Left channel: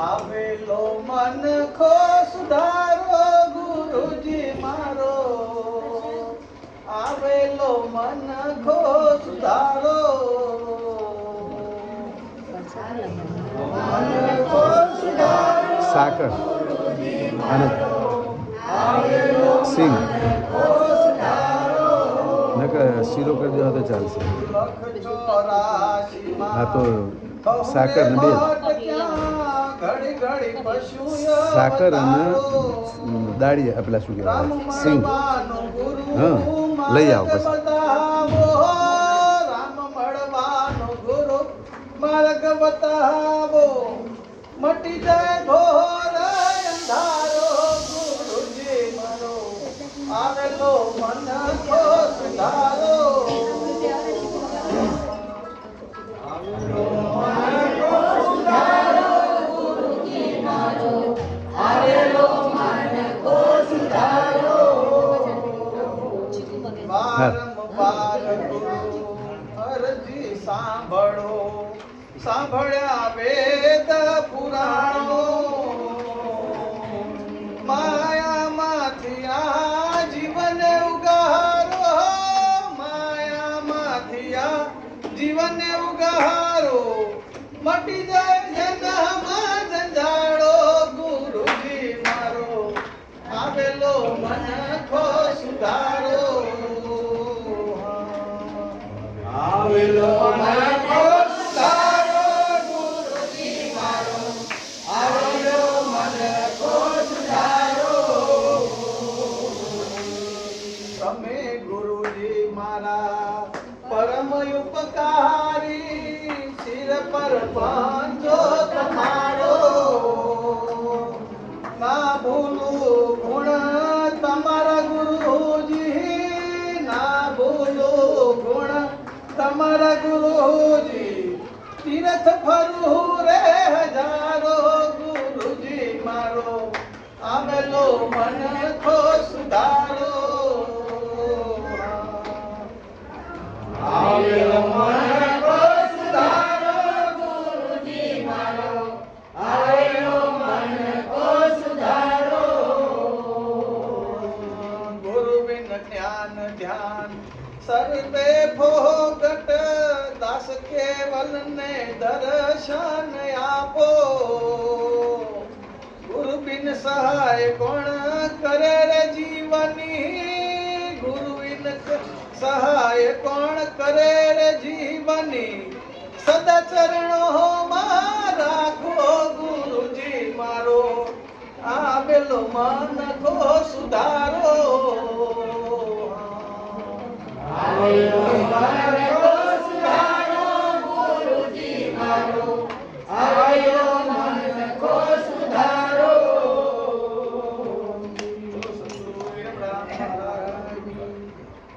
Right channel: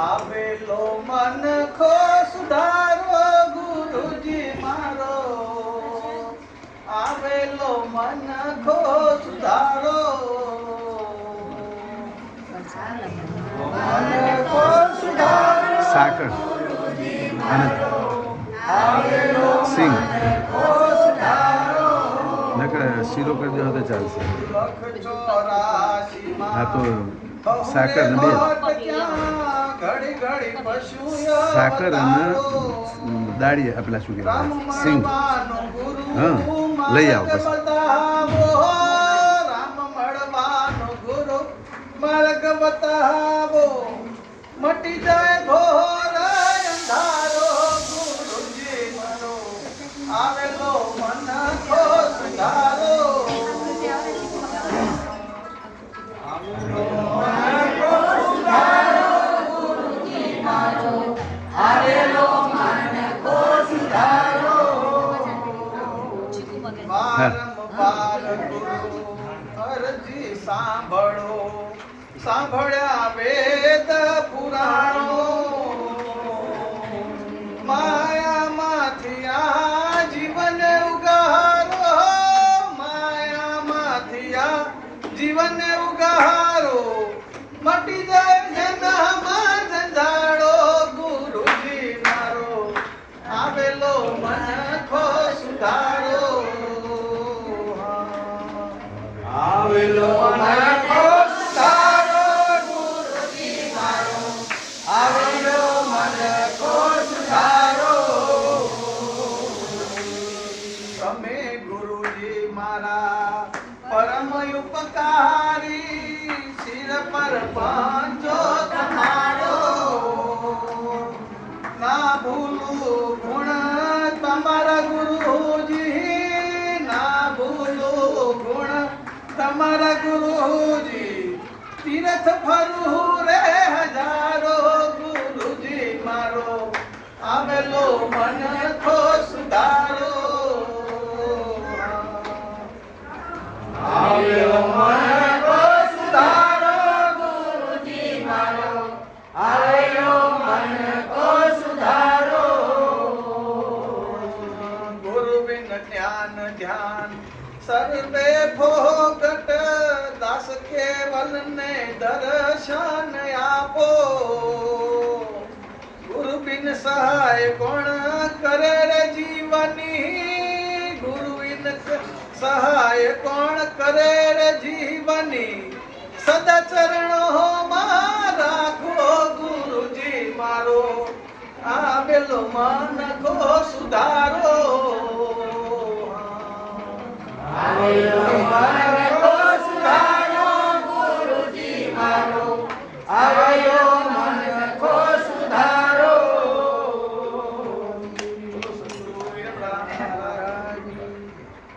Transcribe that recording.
આવેલો મન ખો સુધારો ગુરુજી મારો, આવેલો મન ખો સુધારો, મન ખો સુધારો સાકર આવેલો સિંહ ખો સુધારો, નકર શીરો કરી દો તો ચાલશે. હા તો સાકર ને બે ઘડી ઘડી પશુ સાકર અને દાળી પેલા શું કહેવાય સિંગ. હા લઈ આવો પછી. રામ મળવાનો ગુરુ માર્ગ બતાવો, મટી જાય ઘોર અંધારો ગુરુજી મારો, આવેલો મન ખો સુધારો, આવેલો મન ખો સુધારો ગુરુજી મારો, આવેલો મન ખો સુધારો. વારંવાર ગુરુ અરજી સાંભળો, સાંભળ્યા વેદ પુરાણો, માયામાંથી આ જીવન ઉગારો, માયામાંથી આ જીવન ઉગારો, મટી જાય જન્મમાં જંજાળો ગુરુજી મારો, આવેલો મન ખો સુધારો, આવેલો મન ખો સુધારો ગુરુજી મારો, આવેલો મન ખો સુધારો. તમે ગુરુજી મારા પરમ ઉપકારી, શિર પર પાંચો તમારો, ના ભૂલું ગુણ તમારા ગુરુજી, ના ભૂલું ગુણ તમારા ગુરુજી, તીર્થ ફરું રે હજારો ગુરુજી મારો, આવેલો મન ખો સુધારો, આવેલો મન ખો સુધારો ગુરુજી મારો, આવેલો મન ખો સુધારો. ગુરુ બિન જ્ઞાન ધ્યાન સર્વે ભોગટ, દાસ કેવલ ને દર્શન આપો, ગુરુ બિન સહાય કોણ કરે રે જીવની, ગુરુ બિન સહાય કોણ કરે રે જીવની, સદા ચરણો માં રાખો ગુરુજી મારો, આવેલો મન ખો સુધારો.